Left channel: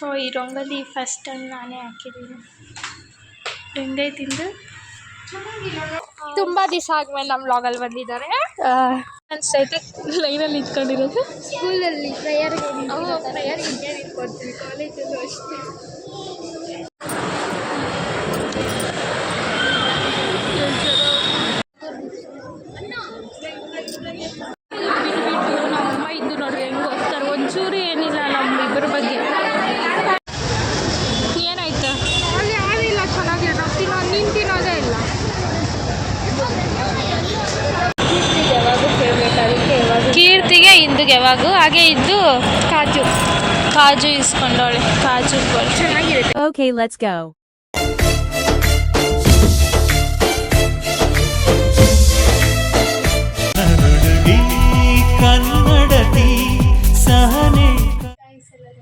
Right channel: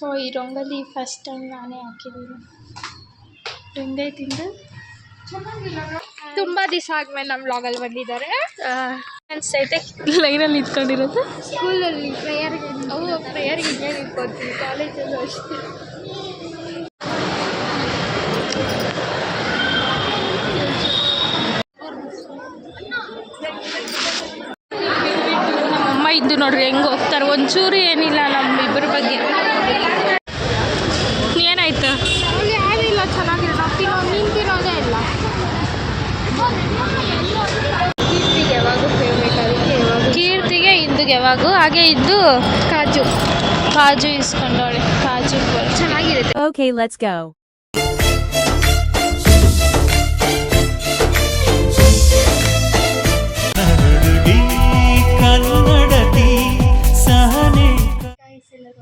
So ಈ rangoli first time ನಾನೇ ಹಾಕಿದ್ದೀನಿ. ಹೆಂಗೈತೆ ತಿಂದು ತುಂಬ ದಿವಸ ಆದ್ಮೇಲೆ ನಮ್ಮ ವ್ಲಾಗಲ್ಲಿ ಬಂದಿದ್ದಾರೆ. ಅನಿಸ್ತೈತೆ ಲೈನಲ್ಲಿ ನಿಂತ್ಕೊಂಡಿರೋದು. ಸ್ಕೂಲಲ್ಲಿ ಪ್ರೇಯರ್ಗೆ ಹಿಂಗೆ ನಿಂತ್ಕೊಳ್ತೀವಿ, ಕಾಲೇಜಲ್ಲೂ ಅಷ್ಟೇ. ನಮ್ಮಮ್ಮ ಇದ್ದು ನೋಡ್ರಿ ಹೆಂಗೆ ಹೋಗ್ತಾರೆ, ಒಂಚೂರು ಏನಿಲ್ಲ ನಮ್ಮಿಬ್ಬರ ಬಗ್ಗೆ. ಏನಾಯ್ತು ಯಾರಿಲ್ಲ, ಚೆನ್ನಾಗಿರೋ ನಾವು ನೀನು ತಿನ್ನೋದೇ ಇಲ್ಲ. ಕೀರ್ತಿಗೆ ಯಾವಾಗೂ ಫೇವ್ರೇಟ್, ಅದಕ್ಕೆ ಯಾವಾಗ ಕೀರ್ತಿಗೆ ಇಂದುಗೆ ಯಾವಾಗೂ ಹಾಗೆ ಇದ್ದು ಕಾಜು ಇಸ್ಕೊಂಡವಳೆ. ಕಾಜು ಚೆನ್ನಾಗಿರುತ್ತೆ. Okay let's go.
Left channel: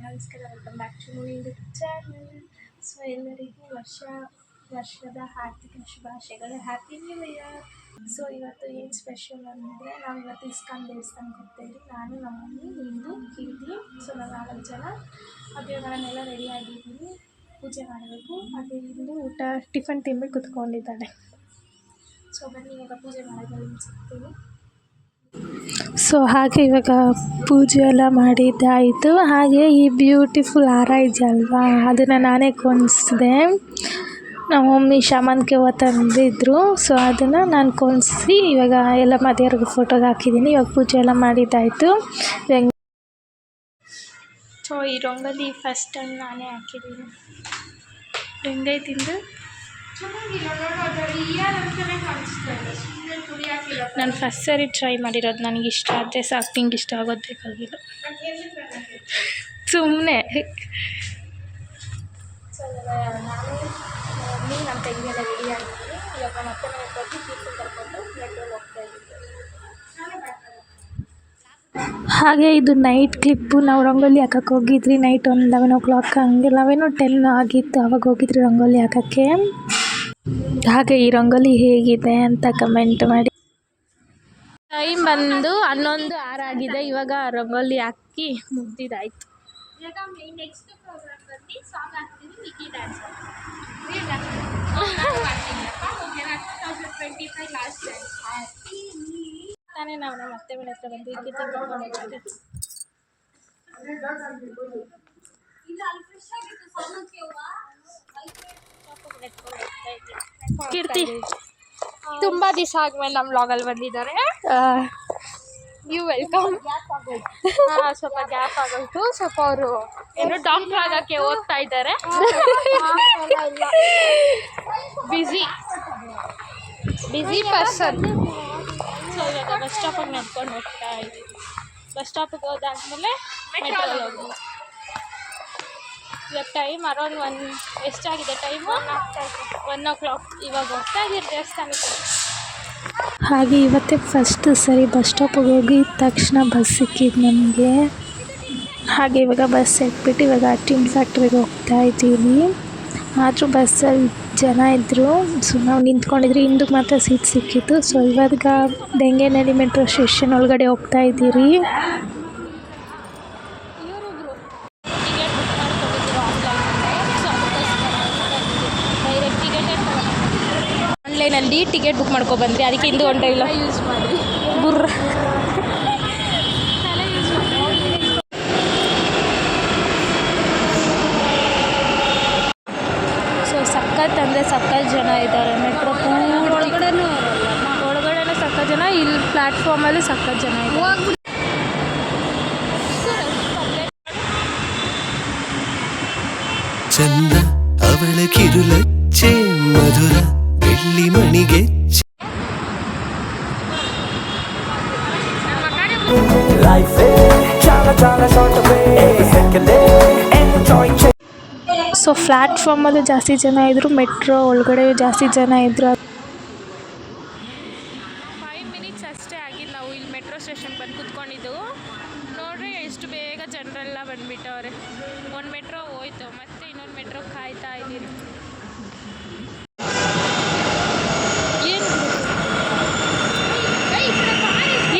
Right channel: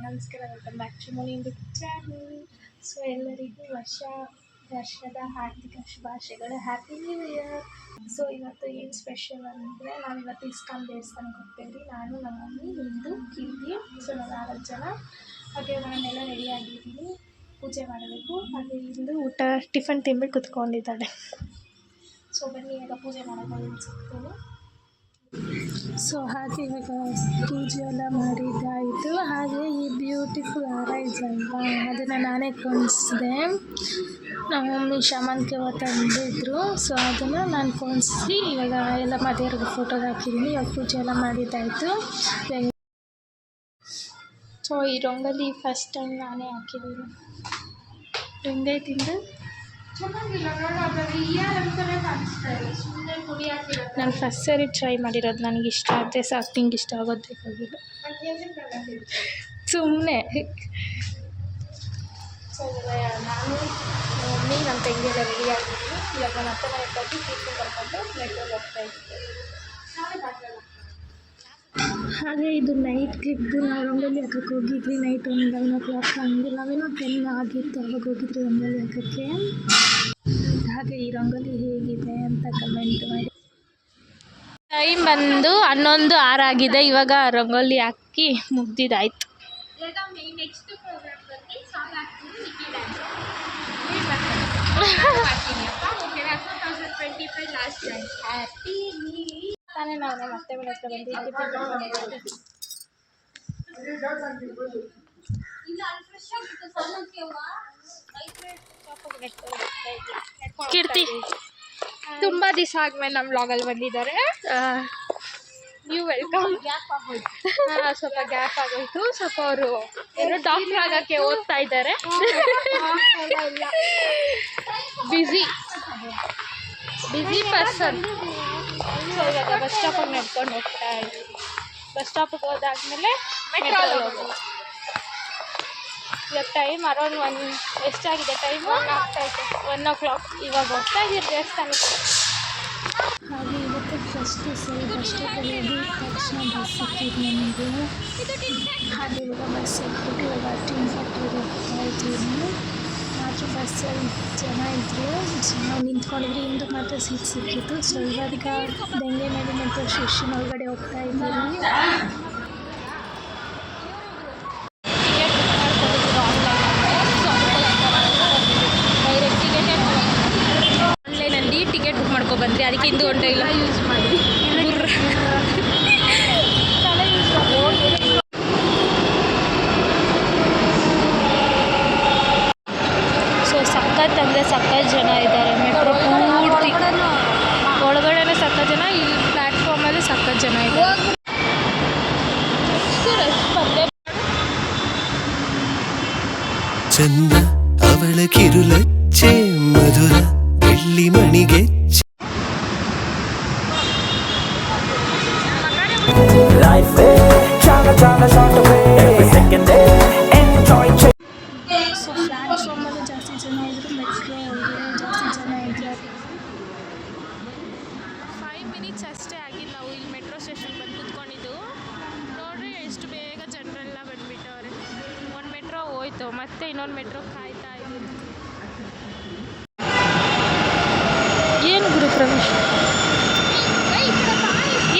ನಮಸ್ಕಾರ, welcome back to Muni YouTube channel. So ಎಲ್ಲರಿಗೂ ವರ್ಷದ ಹಾರ್ದಿಕ ಶುಭಾಶಯಗಳು, ಹ್ಯಾಪಿ ನ್ಯೂ ಇಯರ್. ಸೊ ಇವತ್ತು ಏನು ಸ್ಪೆಷಲ್ ಅಂದರೆ, ನಾವು ಇವತ್ತು ಇಸ್ಕಾನ್ ದೇವಸ್ಥಾನಕ್ಕೆ ಹೋಗ್ತಾಯಿದ್ವಿ. ನಾನು, ನಮ್ಮ ಮಮ್ಮಿ, ಇಂದು, ಕೀರ್ತಿ. ಸೊ ನಾವು 4 ಜನ. ಹಾಗೆ ನಾನೆಲ್ಲ ರೆಡಿ ಆಗಿದ್ದೀನಿ, ಪೂಜೆ ಮಾಡಬೇಕು. ಹಾಗೆ ಇಂದು ಟಿಫನ್ ತಿಂದ್ಬಿಟ್ಟು ಕುತ್ಕೊಂಡಿದ್ದಾಳೆ. ಸೊ ಬನ್ನಿ ಇವಾಗ ಪೂಜೆ ಮಾಡೋದು ಸಿಗ್ತೀನಿ. ಸೊ ಹಾಗೆ ಇವಾಗ ಪೂಜೆ ಎಲ್ಲ ಮಾಡಿದ್ದಾಯಿತು. ಹಾಗೆ ಈ ಬ್ಯೂಟಿಫುಲ್ ಹಾರ ಇದೆಯಲ್ವಾ, ಅದನ್ನು ನಾನೇ ಕೊಂಡಿಸಿದೆ. ನಮ್ಮ ಮಮ್ಮಿ ಶಾಮಂತಿಗೆ ಹೂವು ತಂದಿದ್ರು. ಸೊ ಅದನ್ನು ನಾನು ಕೊಂಡಿಸಿ ಇವಾಗ ಎಲ್ಲ ಮದುವೆಯವ್ರಿಗೆ ಫೋಟೋಗೆ ಹಾಕಿದ್ದೀನಿ. ಇವಾಗ ಪೂಜೆ ಎಲ್ಲ ಮಾಡಿದ್ದಾಯಿತು. ಸೊ ಈ ರಂಗೋಲಿ ಫಸ್ಟ್ ಟೈಮ್ ನಾನೇ ಹಾಕಿದ್ದೀನಿ. ಹೆಂಗೈತೆ ತಿಂದು ನಾನು ಫಸ್ಟ್ ಸರಿ ಟ್ರೈ ಮಾಡಿರೋದು. ನನಗೆ ಇಷ್ಟ ಆದರೆ ಸಾಕು, ನಿಂಗೆ ಇಷ್ಟ ಆಗೋದು ಬೇಕಾಗಿಲ್ಲ ಸುಮ್ಮನೆ. ಸೊ ಇವಾಗ ನಾನು, ಮಮ್ಮಿ, ನಮ್ಮ ತಂಗಿಯೆಲ್ಲ ರೆಡಿ ಆಗಿದ್ದೀನಿ. ಇವಾಗ ಮತ್ತೆ ಮನೆಗೆ ಹೋಗಿ ಕೀರ್ತಿ ಕರ್ಕೊಂಡು ಮೆಟ್ರೋಗೆ ಹೋಗ್ತಾ ಇದ್ದೀವಿ. ಹಾಗೆ ಇದು ನೈಟ್ ಕ್ಲಿಪ್ಪು. ನಾವು ರಂಗೋಲಿ ಹಾಕಕ್ಕೆ ಹೋಗಿದ್ರಿ ನೈಟ್ ಒಂದು 11 o'clock ಹಂಗೆ 11-10 ಆಗಿತ್ತು ಆವಾಗ ಹೋಗಿದ್ರಿ ರಂಗೋಲಿ ಹಾಕೋಕ್ಕೆ. ಹಾಗೆ ಈ ರಂಗೋಲಿ ಹೇಗಿದೆ ಅಂತ ಕಮೆಂಟ್ ಮಾಡಿ. ಟೈಮ್ ಬಂದು 11:06 ಆಗಿದೆ. ಇವಾಗ ರಂಗೋಲಿ ಹಾಕಿ ಮುಗ್ದಿದ್ದಾಯ್ತು. ನೆಕ್ಸ್ಟ್ ಪ್ರೋಗ್ರಾಮ್ ಬಂದು ಸಾಂಗ್ ಹಾಕ್ತೀನಿ, ನಿಕ್ಕಿ ಡ್ಯಾನ್ಸ್ ಲಾಸ್ಟ್ ಹ್ಯಾಪಿ ತಾನೇ. ನಾವು ನಮ್ಮ ಅತ್ತೆ ಮನೆ ಹತ್ರ ಬಂದು ಕೀರ್ತಿ ತುಂಬ ದಿವಸ ಆದ್ಮೇಲೆ ನಮ್ಮ ವ್ಲಾಗಲ್ಲಿ ಬಂದಿದ್ದಾರೆ. ನೀವು ವೆಲ್ಕಮ್. ಸ್ವಲ್ಪ ಗ್ಯಾಪ್ ಆಗೋಯ್ತು. ಸ್ವಲ್ಪ ಅವರು ಏನು ಡಾಕ್ಟರ್ ಆಗೋಕ್ಕೆ ಓದ್ತಾ ಇದ್ದಾರೆ. Busy person. ಸೊ ಇವಾಗ ಬಸ್ ಸ್ಟಾಪಿಗೆ ನಡ್ಕೊಂಡು ಹೋಗ್ತಾ ಇದ್ದೀವಿ. ಬಸ್ ಸ್ಟಾಪಿಗೆ ಹೋದಾದ್ಮೇಲೆ ಮೆಟ್ರೋಗೆ ಹೋಗೋದು. ಇವಾಗ ಟೈಮ್ ಅರೌಂಡ್ ಎಷ್ಟಾಗಿದೆ ಟೈಮು? 1 o'clock. ಇವಾಗ ಹೋಗ್ತಾ ಇದ್ದೀವಿ ದೇವಸ್ಥಾನಕ್ಕೆ. ಹಾಗೆ ಇವತ್ತೇ ಫಸ್ಟ್ ಸರಿ ಬಸ್ ಸ್ಟಾಪಿಗೆ ಹೋಗಿ ತಕ್ಷಣ ಬಸ್ ಸಿಕ್ಕಿದ್ದು ನಮಗೆ. ಹಾಗೆ ಇವಾಗ ಬಸ್ ಎತ್ಬಿಟ್ಟು ಇವಾಗ ಟಿನ್ ಫ್ಯಾಕ್ಟ್ರಿಗೆ ಹೋಗ್ತಾ ಇದ್ದೀವಿ. ಆದರೂ ಬಸ್ಸಲ್ಲಿ ಜನ ಇದ್ದರು. ಸೊ ನಾವು ನಿಂತ್ಕೊಂಡಿದ್ರಿ, ಹಿಂದಕ್ಕೆ ಮಾತ್ರ ಸೀಟ್ ಸಿಕ್ಕಿತ್ತು. ಸೊ ಇವಾಗ ಡೆಂಗೇನಹಳ್ಳಿ ಮೆಟ್ರೋ ಸ್ಟೇಷನ್ ಒಳಗಡೆ ಹೋಗ್ತಾ ಇದ್ದೀರಿ. ಆನ್ಲೈನಲ್ಲಿ ಟಿಕೆಟ್ ಬುಕ್ ಮಾಡ್ಕೊಬಂದ್ರಿ, ಅದಕ್ಕೆ ಇಂದು ಹೊಂಟ ಇಲ್ಲ ಯೂಸ್ ಮಾಡಿ ಗುರ್ರ ತಲೆ ಯೂಸ್ ಮಾಡಿ. ಸೊ ಸಖತ್ ಅಂದರೆ ಸಖತ್ ಜನ ಇದ್ದಾರೆ. ಮೆಟ್ರೋ ಪೂರ್ತಿ ಒಳಗಡೆನೇ ಸಖತ್ ಜನ, ಇಲ್ಲಿ ಪ್ಲ್ಯಾಟ್ಫಾರ್ಮಲ್ಲಿ ಸಖತ್ ಜನ ಇದ್ದಾರೆ. ಚಂದ ಅವಳ ಕಿರುಲಚ್ಚೆ ಮಧುರ ಬೆಳ್ಳಿ ಮಣಿಗೆ ಸೊ ಪ್ಲ್ಯಾಟ್ಫಾರ್ಮಲ್ಲೂ ಜಾಸ್ತಿ ಜನ ಇದ್ದರು, ಮೆಟ್ರೋ ಒಳಗಡೆ ಜಾಸ್ತಿ ಜನ ಇದ್ದರು. 5 minutes ಅಷ್ಟೇ ಆಗಿದ್ದು ನಾವು ಇಲ್ಲಿ ಮೆಟ್ರೋ ಸ್ಟೇಷನ್ ಬಂದು ಕುತ್ಕೊಂಡಿದ್ದು. ನೋಡ್ರಿ ಎಷ್ಟು ಬೇಗ ಜನರೆಲ್ಲ ಬಂದುಬಿಟ್ಟವ್ರೆ. ಒಂದು ಮೆಟ್ರೋ ಹೋಯ್ತು, ಮತ್ತೆ ಇನ್ನೊಂದು ಮೆಟ್ರೋ ಕಾಯ್ತಾ ಇದ್ದೀರಿ. ಏನು ಗುರು ಪ್ರವೇಶ್,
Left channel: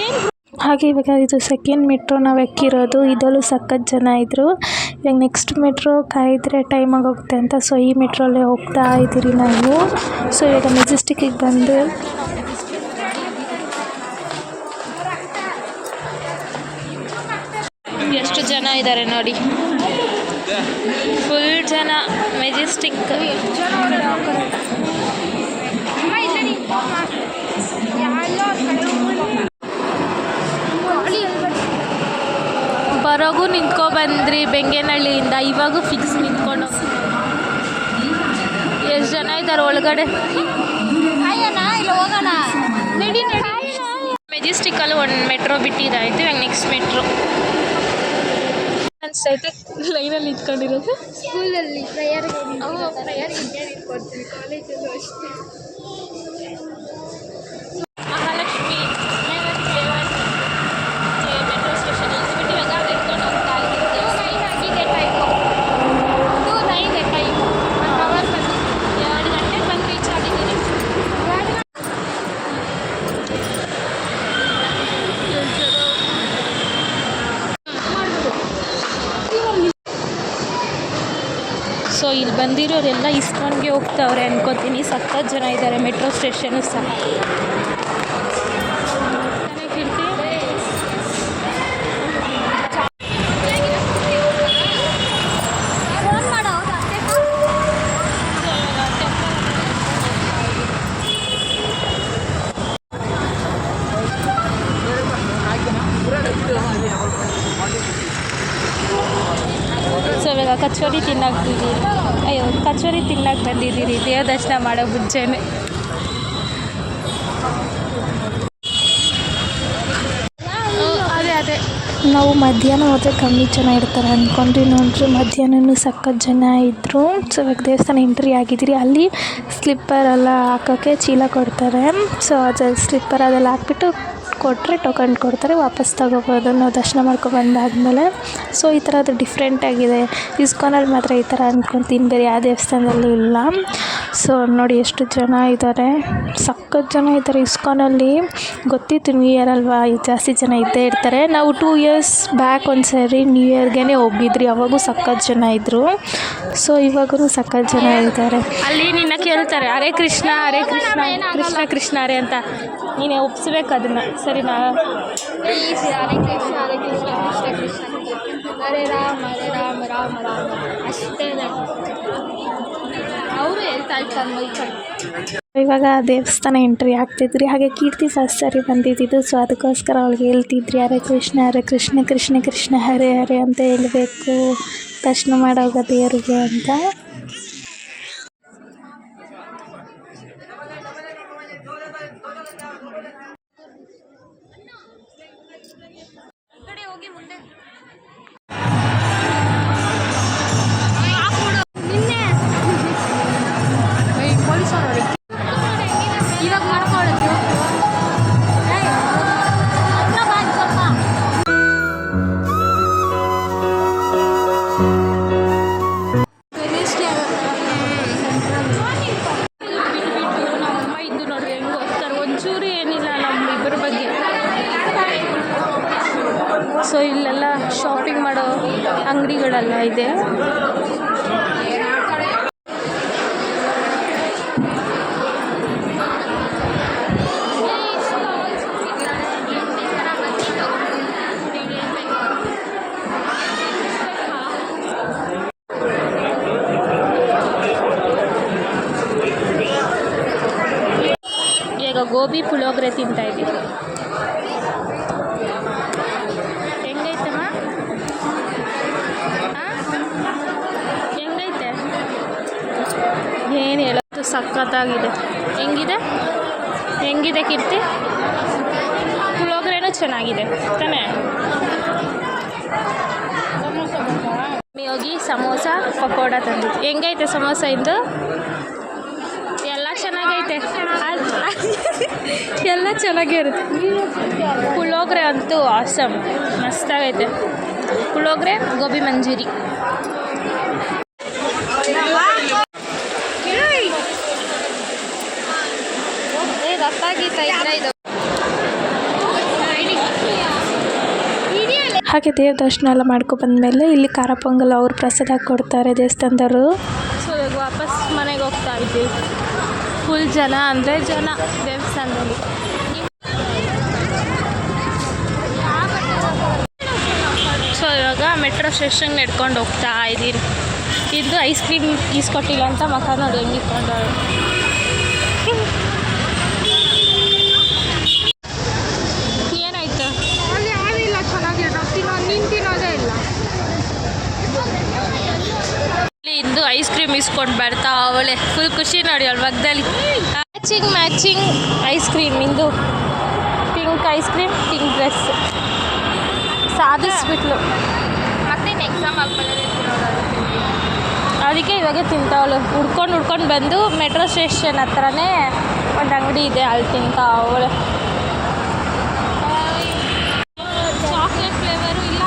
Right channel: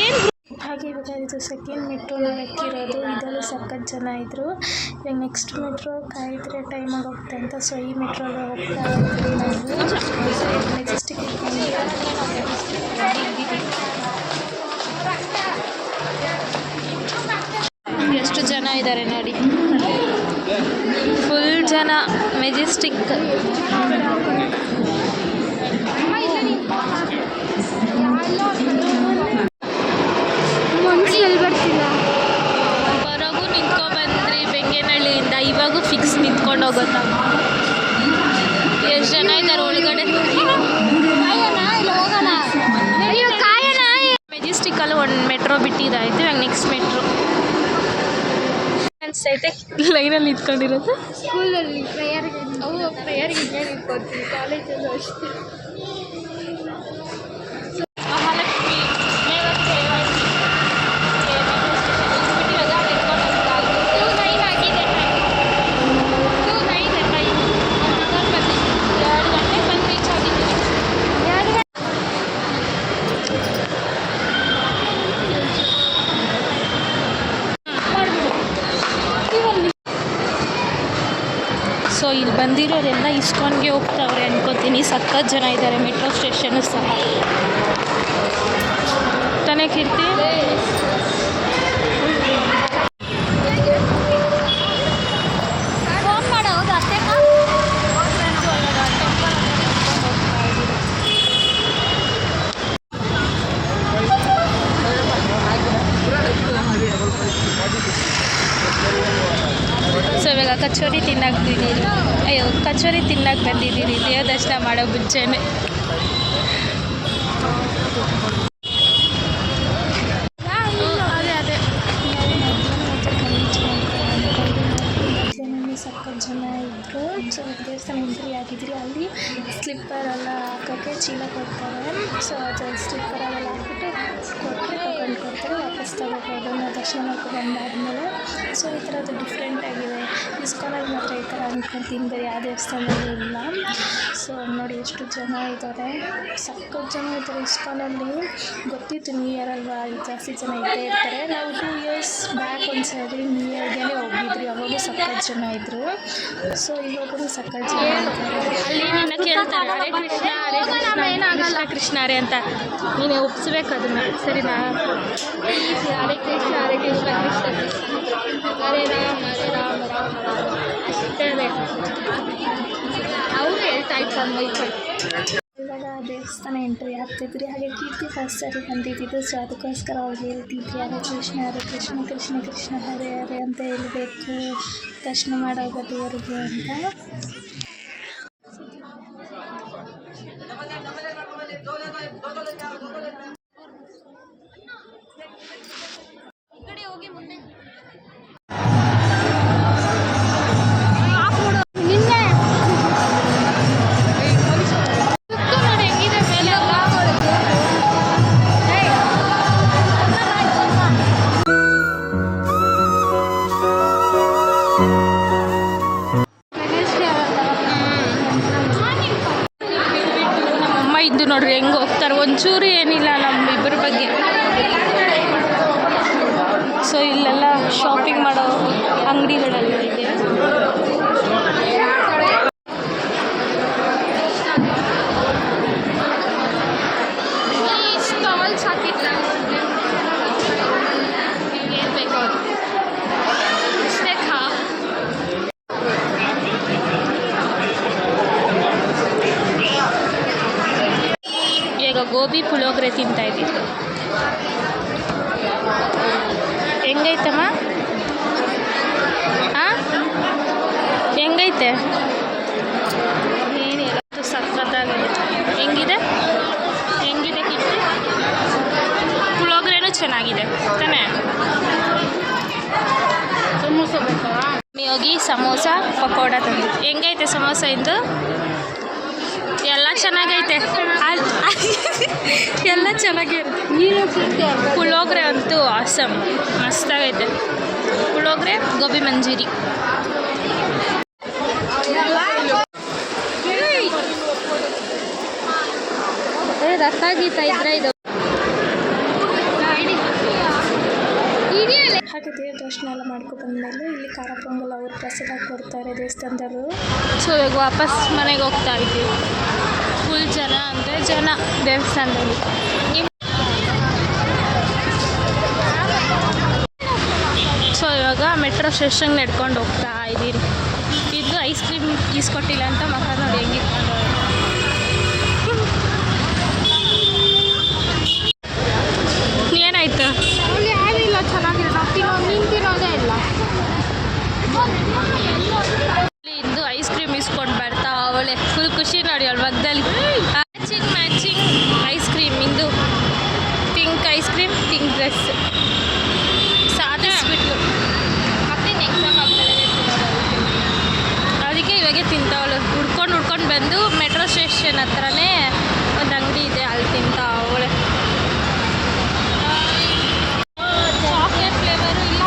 ಏನು ಹಾಗೆ ಇವಾಗ ಇದು ಸೆಕೆಂಡ್ ಮೆಟ್ರೋ ನಾವು ಎಕ್ಕಿರೋದು. ಇದರಲ್ಲೂ ಸಖತ್ ಜನ ಇದ್ದರು. ಇವಾಗ ನೆಕ್ಸ್ಟ್ ಮೆಟ್ರೋ ಕಾಯಿದ್ರೆ ಟೈಮ್ ಆಗೋಗುತ್ತೆ ಅಂತ ಸೊ ಈ ಮೆಟ್ರೋಲ್ಲೇ ಹೋಗ್ತಾ ಇದ್ದೀರಿ ನಾವು. ಸೊ ಇವಾಗ ಮೆಜೆಸ್ಟಿಕ್ಕಿಗೆ ಬಂದು ಎಷ್ಟು ಜನ ಇದ್ದಾರೆ ನೋಡಿ, ಫುಲ್ ಜನ ಮೆಜೆಸ್ಟಿಕ್. ಬರೋಗೂ ನಿಂತ್ಕೊ ಬಂದ್ರಿ ಬೆಂಗೇನಹಳ್ಳಿಯಿಂದ, ಇವಾಗೂ ಫಿಕ್ಸ್ ನಿಂತ್ಕೊಂಡು ಹೋಗುತ್ತ. ಎಷ್ಟು ಜನ ಇದ್ದಾರೆ ಒಳಗಡೆ. ಮೆಜೆಸ್ಟಿಕ್ಕಲ್ಲಿ ಒಂದು ಮೆಟ್ರೋ ಬಿಟ್ಟಿದ್ದಾಯ್ತು, ಇವಾಗ ನೆಕ್ಸ್ಟ್ ಮೆಟ್ರೋ ಅನಿಸ್ತೈತೆ. ಲೈನಲ್ಲಿ ನಿಂತ್ಕೊಂಡಿರೋದು ಸ್ಕೂಲಲ್ಲಿ ಪ್ರೇಯರ್ಗೆ ನಿಂತ್ಕೊತೀವಿ, ಕಾಲೇಜಲ್ಲೂ ಅಷ್ಟೇ. ಮಹಾಲಕ್ಷ್ಮಿ ಮೆಟ್ರೋ ಸ್ಟೇಷನ್ ಬಿಟ್ಟು ಇವಾಗ ಎತ್ಕೊಂಡು ಹೋಗ್ತಾ ಇದ್ದೀವಿ. 2:09 ಆಗಿದೆ ಟೈಮ್. 2:09 ಟೈಮ್. 1 ಅವರ್ ಬಂದು 2 ಗಂಟೆಗೆ ಬಂದು ರೀಚ್ ಆಗಿದ್ದೀನಿ. ಸೊ ಇಲ್ಲಿ ಬಂದಿರೋರೆಲ್ಲ ಇಸ್ಕಾನ್ಗೆ ಹೋಗ್ತಾವ್ರೆ ಅನ್ಕೋತೀನಿ. ಸಖತ್ ಜನ ಇದ್ದಾರೆ. ಮೆಟ್ರೋ ಸ್ಟೇಷನು ಸಹ ತಾನೇ ಕೀರ್ತಿ. ಸೊ ಇವಾಗ ಕಚೋರಿ ತಿನ್ನಕ್ತಿದ್ದೀರಿ. ಕಚೋರಿ ತಿನ್ನಕ್ಕೆ ಬಂದಿದ್ದೀರಿ ದೇವ್ರ ದರ್ಶನ ಮಾಡೋ ಮುಂಚೆನೆ. ಅದೇ ನಾವು ಮಧ್ಯಾಹ್ನ ಹೋದರೆ ಕಮ್ಮಿ ಜನ ಇರ್ತಾರೆ ಅಂದ್ಕೊಂಡ್ರಿ. ನೋಡ್ರಿ ಮಧ್ಯಾಹ್ನವೂ ಸಖತ್ ಜನ ಇದ್ದರು. ಸೊ ಇವಾಗ ದೇವಸ್ಥಾನ ಎಂಟ್ರಿ ಆಗಿದ್ದೀರಿ. ಅಲ್ಲಿ ಸ್ಲಿಪ್ಪರೆಲ್ಲ ಹಾಕೋಕ್ಕೆ ಚೀಲ ಕೊಡ್ತಾರೆ. ಸೊ ಅದು ಸ್ಲಿಪ್ಪರ್ ಅದೆಲ್ಲ ಹಾಕ್ಬಿಟ್ಟು ಕೊಟ್ಟರೆ ಟೋಕನ್ ಕೊಡ್ತಾರೆ, ವಾಪಸ್ ತಗೋಬೋದು ನಾವು ದರ್ಶನ ಮಾಡ್ಕೊಬಂದಾದ್ಮೇಲೆ. ಸೊ ಈ ಥರ ಅದು ಡಿಫ್ರೆಂಟಾಗಿದೆ. ಇಸ್ಕಾನಲ್ಲಿ ಮಾತ್ರ ಈ ಥರ ಅಂದ್ಕೊತೀನಿ, ಬೇರೆ ಯಾವ ದೇವಸ್ಥಾನದಲ್ಲೂ ಇಲ್ಲ. ಸೊ ನೋಡಿ ಎಷ್ಟು ಜನ ಇದ್ದಾರೆ, ಸಖತ್ ಜನ ಇದ್ದಾರೆ ಇಸ್ಕಾನಲ್ಲಿ. ಗೊತ್ತಿತ್ತು ನ್ಯೂ ಇಯರ್ ಅಲ್ವಾ, ಜಾಸ್ತಿ ಜನ ಇದ್ದೇ ಇರ್ತಾರೆ. ನಾವು 2 ಇಯರ್ಸ್ ಬ್ಯಾಕ್ ಒಂದ್ಸರಿ ನ್ಯೂ ಇಯರ್ಗೆ ಹೋಗಿದ್ರಿ, ಅವಾಗೂ ಸಖತ್ ಜನ ಇದ್ದರು. ಸೊ ಇವಾಗೂ ಸಖತ್ ಜನ ಇದ್ದಾರೆ. ಅಲ್ಲಿ ನಿನ್ನ ಕೇಳ್ತಾರೆ ಹರೇ ಕೃಷ್ಣ ಹರೇ ಕೃಷ್ಣ ಕೃಷ್ಣ ಕೃಷ್ಣ ಹರೇ ಅಂತ, ನೀನು ಒಪ್ಸ್ಬೇಕು ಅದನ್ನು, ಸರಿನಾ? ಪ್ಲೀಸ್ ಹರೇ ಕೃಷ್ಣ ಹರೇ ಕೃಷ್ಣ ಕೃಷ್ಣ ಕೃಷ್ಣ ಹರೇ ರಾಮ ರಾಮ ರಾಮ ಅಷ್ಟೇ ಅದೇ ಅವರು ಹೇಳ್ತಾ ಇರ್ತಾರೆ ಮೈಕೈ. ಇವಾಗ ದೇವಸ್ಥಾನ ಎಂಟ್ರಿ ಆಗ್ತಿದ್ರಿ. ಹಾಗೆ ಕೀರ್ತಿ ಫಸ್ಟ್ ಸರಿ ಬಂದಿದ್ದು. ಸೊ ಅದಕ್ಕೋಸ್ಕರ ಅವಳಿಗೆ ಹೇಳ್ತಿದ್ರಿ ಹರೇ ಕೃಷ್ಣ ಕೃಷ್ಣ ಕೃಷ್ಣ ಹರೇ ಹರೇ ಅಂತ ಹೇಳಬೇಕು ದರ್ಶನ ಮಾಡೋಗ ದೇವರಿಗೆ ಅಂತ. ನೋಡ್ರಿ ಹೆಂಗೆ ಹೋಗ್ತಾರೆ, ಒಂಚೂರು ಏನಿಲ್ಲ ನಮ್ಮ ಇಬ್ಬರ ಬಗ್ಗೆ. ಸೊ ಇಲ್ಲೆಲ್ಲ ಶಾಪಿಂಗ್ ಮಾಡೋ ಅಂಗಡಿಗಳೆಲ್ಲ ಇದೆ. ಈಗ ಗೋಬಿ ಪುಳಿಯೋಗರೆ ತಿಂತಾಯಿದ್ದೀವಿ. ಹೆಂಗೈತಮ್ಮ? ಹಾಂ ಹೆಂಗೈತೆ? ಏನು ಹೇಳೋದು, ಸಖತ್ತಾಗಿದೆ. ಹೆಂಗಿದೆ ಕೀರ್ತಿ? ಪುಳಿಯೋಗರೆನೂ ಚೆನ್ನಾಗಿದೆ ತಾನೇ? ಹೋಗಿ ಸಮೋಸ ಪಕೋಡ ತಂದು. ಹೆಂಗೈತೆ ಸಮೋಸ ಇಂದು? ಎಲ್ಲ ಚೆನ್ನಾಗೈತೆ, ಎಲ್ಲ ಚೆನ್ನಾಗಿರುತ್ತೆ. ಪುಳಿಯೋಗರೆ ಅಂತೂ ಆಸಮ್, ಮಸ್ತಾಗೈತೆ. ಪುಳಿಯೋಗರೆ ಗೋಬಿ ಮಂಜೂರಿ. ರಥ ಗೀತ ಇದ್ರೆ ಇದು ಹಾಗೆ ದೇವ್ರ ದರ್ಶನ ಎಲ್ಲ ಮಾಡ್ಕೊಬಂದ್ಮೇಲೆ ಇಲ್ಲಿ ಖಾರ ಪೊಂಗಲ್ ಅವ್ರು ಪ್ರಸಾದ ಕೊಡ್ತಾರೆ ದೇವಸ್ಥಾನದವರು. ಸೊ ಇವಾಗ ವಾಪಸ್ ಮನೆಗೆ ಹೋಗ್ತಾ ಇದ್ವಿ. ಫುಲ್ ಜನ ಅಂದರೆ ಜನ ದೇವಸ್ಥಾನದಲ್ಲಿ. ಸೊ ಇವಾಗ ಮೆಟ್ರೋ ಸ್ಟೇಷನ್ಗೆ ನಡ್ಕೊಂಡು ಹೋಗ್ತಾ ಇದ್ದೀನಿ. ಇದು ಐಸ್ ಕ್ರೀಮ್ ಈಸ್ಕೊಟ್ಟಿಲ್ಲ ಅಂತ ಮಕ್ಕ ನೋಡಿ ಹೆಂಗೆ ಇಟ್ಕೊಂಡವ್ರು. ಏನಾಯ್ತು? ಯಾವಿಲ್ಲ, ಚೆನ್ನಾಗಿದೆ. ನಾವು ತಿನ್ನೋದೇ ಇಲ್ಲ. ಇಂದು ಐಸ್ ಕ್ರೀಮ್ ಇಸ್ಕೊಂಡು ಬರ್ತಾ ಅವಳೆ ಫುಲ್ ಖುಷಿ ನೋಡಿ ಅವಳ ಮಗದಲ್ಲಿ. Matching ice cream. ಇಂದು pink ice cream, pink dress ಸಾಧಿಸ್ಬಿಟ್ಲು. ಮತ್ತೆ ಎಕ್ಸಾಮ್ ಆದಮೇಲೆ ಅದಕ್ಕೆ ಇವಾಗೆ ತಿಂತಾವಳು. ಹುಡ್ಕೊಂಡು ಬಂದು ಮೆಟ್ರೋ ಸ್ಟೇಷನ್ ಹತ್ರನೇ ಒಂದು ಅಂಗಡಿ ಇದೆ, ಅಲ್ಲಿ ತಿಂತಾ ಅವಳೆ. ಚಾಕ್ಲೇಟ್ ಫ್ಲೇವರು ಇಲ್ಲ,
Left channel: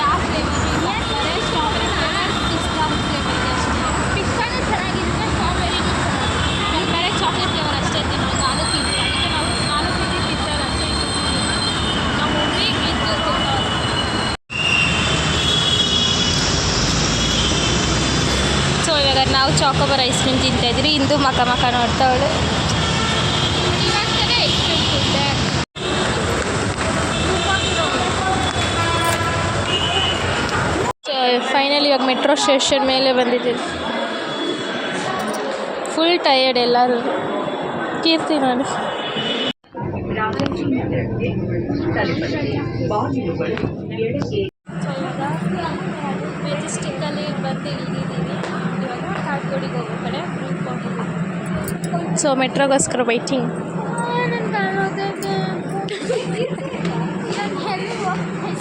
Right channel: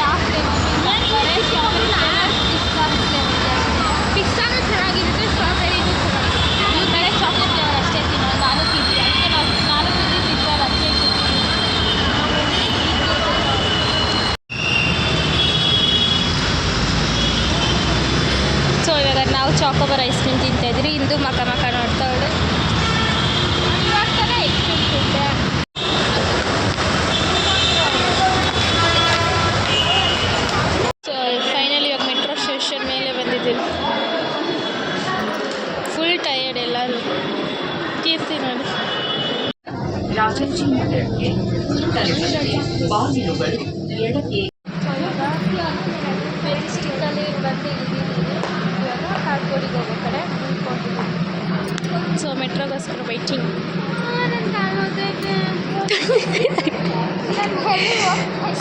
ಯಾವ ಫ್ಲೇವರು ಇಲ್ಲ, ಬರೀ ಸ್ಟ್ರಾಬೆರಿ ಫ್ಲೇವರ್, ಪಿಸ್ತಾ ಫ್ಲೇವರ್ ಇದೆ ಅಷ್ಟೇ. ಪಿಸ್ತಾನು ಚೆನ್ನಾಗಿತ್ತು, ಸ್ಟ್ರಾಬೆರಿನೂ ಚೆನ್ನಾಗಿತ್ತು. ನಾನು ಬರೀ ಚಾಕ್ಲೇಟ್ ಫ್ಲೇವರ್ ಅಷ್ಟೇ ತಿನ್ನೋದು. ನಾನು ತಿಂತೀನಿ, ಅದಕ್ಕೆ ನಾನು ಪಿಸ್ತಾ ಅಷ್ಟೇ. ಸೊ ಇವಾಗ ನಾವು ಚಾಕೋಬಾರ್ ಐಸ್ ಕ್ರೀಮ್ ತಿಂತಾಯಿದ್ರಿ. ಇಂದು ಮಕ ನೋಡ್ತಾವಳು. ಇವಾಗ ತಾನೇ ಐಸ್ ಕ್ರೀಮ್ ತಿಂತೆ. ಫೈನಲಿ ಇವಾಗ ಮೆಟ್ರೋ ಸ್ಟೇಷನ್ ಮೇಲೆ ಬಂದಿದ್ದೀವಿ. ಫುಲ್ ಟಯರ್ಡ್ ಎಲ್ಲರೂ. ಕೀರ್ತಿ ನೋಡಿ. ಮೆಜೆಸ್ಟಿಕ್ಕಲ್ಲಿ ಬಂದು ಇಳಿದಿದ್ದೀವಿ. ಇವಾಗ ಕಾಡ್ಗೋಡಿಗೆ ಹೋಗೋ ಕಡೆ ಮುಂದ್ಕೊಂಡಿದ್ದೀವಿ. ಸೊ ಮೆಟ್ರೋಗೋಸ್ಕರ ವೈಟಿಂಗ್.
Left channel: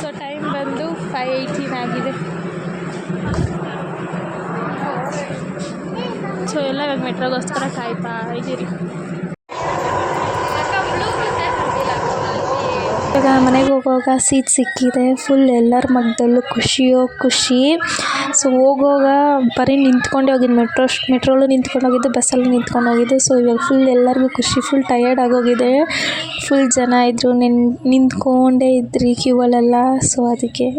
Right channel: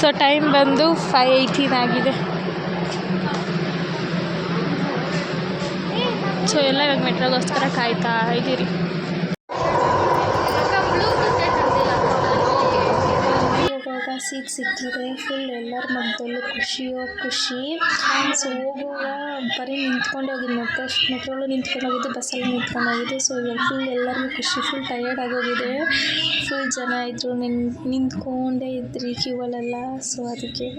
ಸೊ ಟೈಮ್ ಬಂದು 5:18 ಆಗಿದೆ. ಸೊ ಎಲ್ಲ ಇವಾಗ ಮೆಟ್ರೋಗೋಸ್ಕರ ಕಾಯ್ತಾ ಇದ್ದೀರಿ. ಇವಾಗ ಮನೆಗೆ ಹೋಗುವಾಗ ಸೀಟ್ ಸಿಕ್ಕಿದೆ. ಫುಲ್ ಎಲ್ಲರ ಮಗದಲ್ಲೂ ಖುಷಿ. ಸೊ ಹೋಗುವಾಗ ಬರೀ ನಿಂತ್ಕೊಂಡೇ ಹೋಗಿದ್ದು. ಮೆಟ್ರೋಲು ನಿಂತ್ಕೊಂಡು ಹೋಗಿದ್ದು, ಬಸ್ಸಲ್ಲಿ ನಿಂತ್ಕೊಂಡು ಹೋಗಿದ್ದು. ಸೊ ಇವಾಗ ಫುಲ್ ಎಲ್ಲರಿಗೂ ಖುಷಿ. ಫುಲ್ ಟಯರ್ಡ್ ಆಗೋಗಿದೆ. ಫುಲ್ ಜನ ಇದ್ದರು, ನಿಂತ್ಕೊಂಡೇ ಇದ್ರಿ ಕ್ಯೂವಲ್ಲೆಲ್ಲ. ಸೊ ಅದಕ್ಕೆ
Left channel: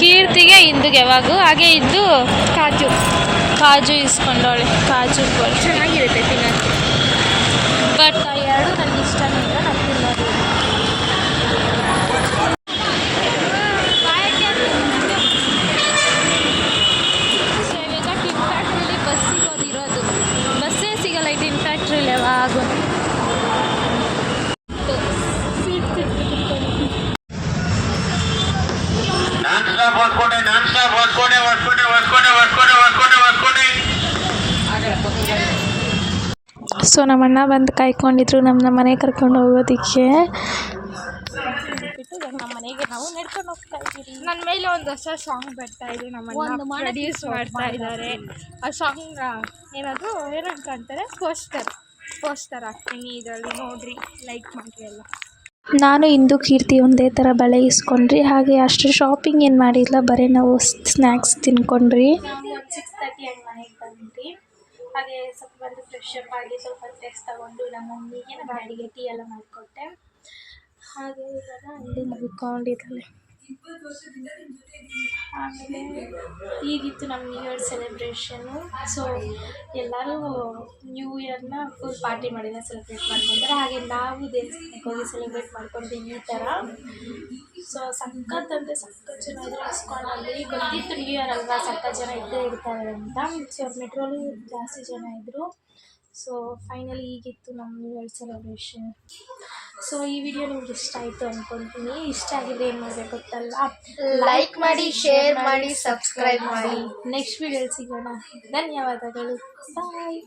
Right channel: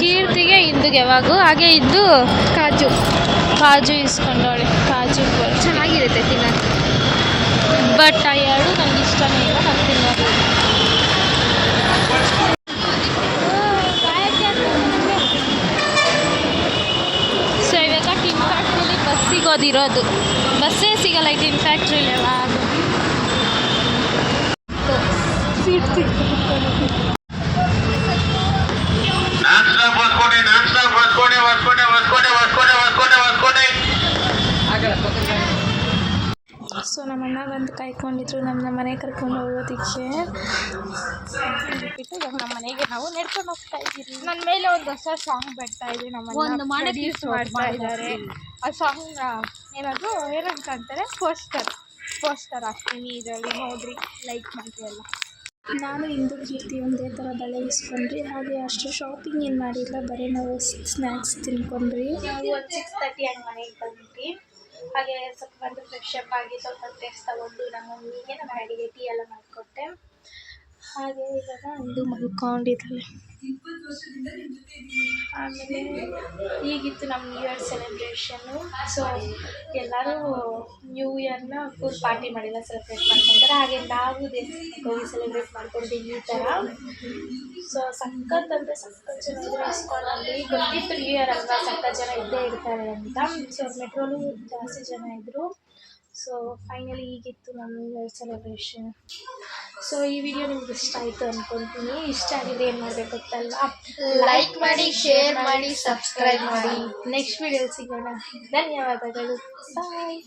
ಕೀರ್ತಿಗೆ ಇಂದುಗೆ ಯಾವಾಗೂ ಹಾಗೆ ಇದ್ದು ಕಾಜು ಇಸ್ಕೊಂಡವಳೆ. ಕಾಜು ಚೆನ್ನಾಗಿರುತ್ತೆ ತಿನ್ನೋದು. ಬಟ್ ಆ ಎರಡು ನನಗೆ ಇಷ್ಟನೇ ಇಲ್ಲ, ನಾನು ತಿನ್ನೋದು. ಸೊ ಇವಾಗ ಟಿನ್ ಫ್ಯಾಕ್ಟ್ರಿಲಿ ಬಸ್ ಸಿಗೋದಿರೋದು. ಬಸ್ಸೇ ಸಿಗಲ್ಲ ಈ ಟಿನ್ ಫ್ಯಾಕ್ಟ್ರಿಲಿ ಯಾವಾಗ. ಸೀಟ್ ಸಿಗ್ತಿತ್ತು. ಸೊ ನಮ್ಮ ಅಣ್ಣ ಬಂದು ಕಾಯ್ಕೊಂಡಿದ್ರು ನಮ್ಮ ಮನೆಗೆ ಕರ್ಕೊಂಡು ಹೋಗೋದಕ್ಕೆ. ಬಿಟ್ಟು ಇವಾಗ ನಮ್ಮ ಮನೆಗೆ ನಾವು ನಡ್ಕೊಂಡು ಹೋಗ್ತಾ ಇದ್ದೀವಿ. ನನ್ನ ಮೇಲೆ ಒಂದು ಹೊಸ ಸಾಂಗ್ ಬರ್ತಾ ಇದೆ. ನಮ್ಮನ್ನು ಪ್ರೊಡ್ಯೂಸ್ ಮಾಡ್ತಾ ಇದ್ದಾರೆ. ಆ ಸಾಂಗ್ ಏನಂತ ಅಂತಾರೆ, ಪೋಸ್ಟರ್ ಹಾಕ್ತೀನಿ ಇದರಲ್ಲಿ, ನೋಡಿರಿ, ಲೈಕ್ ಮಾಡಿರಿ ಎಲ್ಲ. ನಾನು ಇಂದು ಕೀರ್ತಿ ಒಂದೇ ಥರ ಬಳೆ ಇಸ್ಕೊಂಡ್ರಿ. ಹಾಗೆ ಅಷ್ಟು ಶಾಪಿಂಗ್ ಏನು ಮಾಡಿಲ್ಲ, ಬರೀ ನಾವು ಸ್ನ್ಯಾಕ್ಸ್ ತಿನ್ಕೊಂಡ್ರಿ. ನಾವು ಒಂದು 6:30 ಹಂಗೆ ಮನೆಗೆ ಬಂದ್ವಿ. ಹಾಗೆ ಸ್ವಲ್ಪ ಬಂದು ಫ್ರೆಶ್ ಅಪ್ ಆಗಿ ಸ್ವಲ್ಪ ಡ್ರೆಸ್ ತೊಗೊಂಡು ನಮ್ಮ ಮಮ್ಮಿಗೆ ನಮ್ಮ ಡ್ಯಾಡಿಗೆ ಟೀ ಎಲ್ಲ ಮಾಡಿಕೊಟ್ಟೆ. ಹಾಗೆ ಇವಾಗ ಇಂದು ಮಲ್ಕೊಂಡಿದ್ದಾಳೆ. ಆಮೇಲೆ ಈಗಿತ್ತು ನಮ್ಮ ನ್ಯೂ ಇಯರ್ ಸೆಲೆಬ್ರೇಷನ್ನು. ಸೊ ಎಲ್ಲರೂ ನ್ಯೂ ಇಯರ್ನ ಫುಲ್ ಪಾರ್ಟಿ ಮಾಡಿಲ್ಲ, ಸೆಲೆಬ್ರೇಟ್ ಮಾಡ್ಕೊತಾರೆ. ಹಾಗೆ ನಾವು ದೇವಸ್ಥಾನಕ್ಕೆ ಹೋಗಿ ಸೆಲೆಬ್ರೇಟ್ ಮಾಡ್ಕೊಂಡ್ವಿ ಈ ಥರ. ಸೊ ಸಖತ್ ಜನ ಇದ್ದರು ಇಸ್ಕೊಂಡಲ್ಲಿ. ಗೊತ್ತಿತ್ತು ನ್ಯೂ ಇಯರ್ ಅಲ್ವಾ, ಸಖತ್ ಜನ ಇದ್ದೇ ಇರ್ತಾರೆ ಅಂತ. ಸೊ ಮೆಟ್ರೋಲು ಜಾಸ್ತಿ ಜನ ಇದ್ದರು. ಸೊ ಫೈನಲಿ ಈಗಿತ್ತು ನಮ್ಮ ನ್ಯೂ ಇಯರ್ ಸೆಲೆಬ್ರೇಷನ್. ಸೊ ಈ ವಿಡಿಯೋ ನಿಮ್ಗೆ ಇಷ್ಟ ಆಯಿತು ಅಂದ್ಕೊತೀನಿ. ಇಷ್ಟ ಆಗಿದ್ರೆ ಏನು ಮಾಡಬೇಕು ಗೊತ್ತಲ್ವಾ, ಲೈಕ್ ಮಾಡಿ, ಶೇರ್ ಮಾಡಿ, ಸಬ್ಸ್ಕ್ರೈಬ್ ಮಾಡಿ. ನೆಕ್ಸ್ಟ್ ವಿಡಿಯೋಲಿ ಸಿಗೋಣ. ಧನ್ಯವಾದಗಳು. ಬಾಯ್.